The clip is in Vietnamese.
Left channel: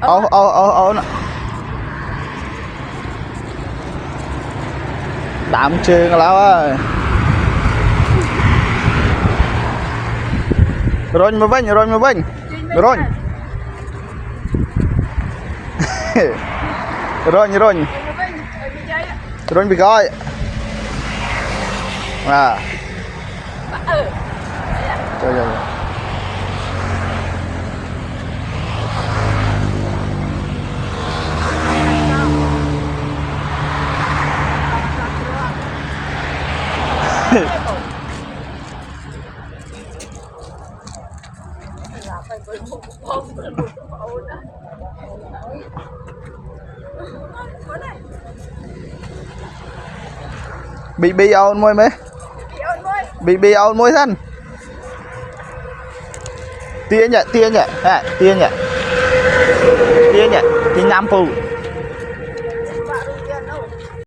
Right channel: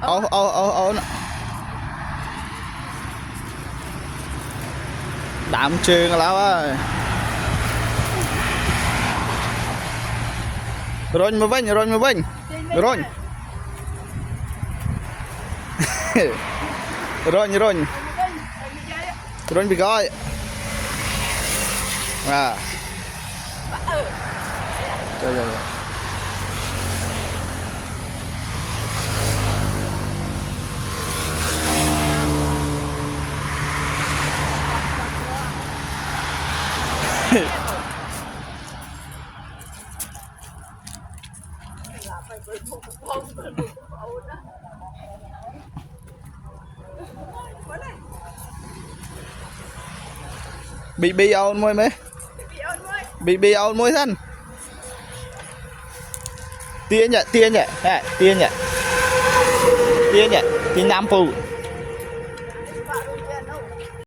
Ô đạm trường lão ơi rồi mà vinh rồi rồi bị coi à trời ơi bị ồn môi mấy bị ồn môi thân tia nhỉ tia nhỉ tia nhỉ tia nhâm phù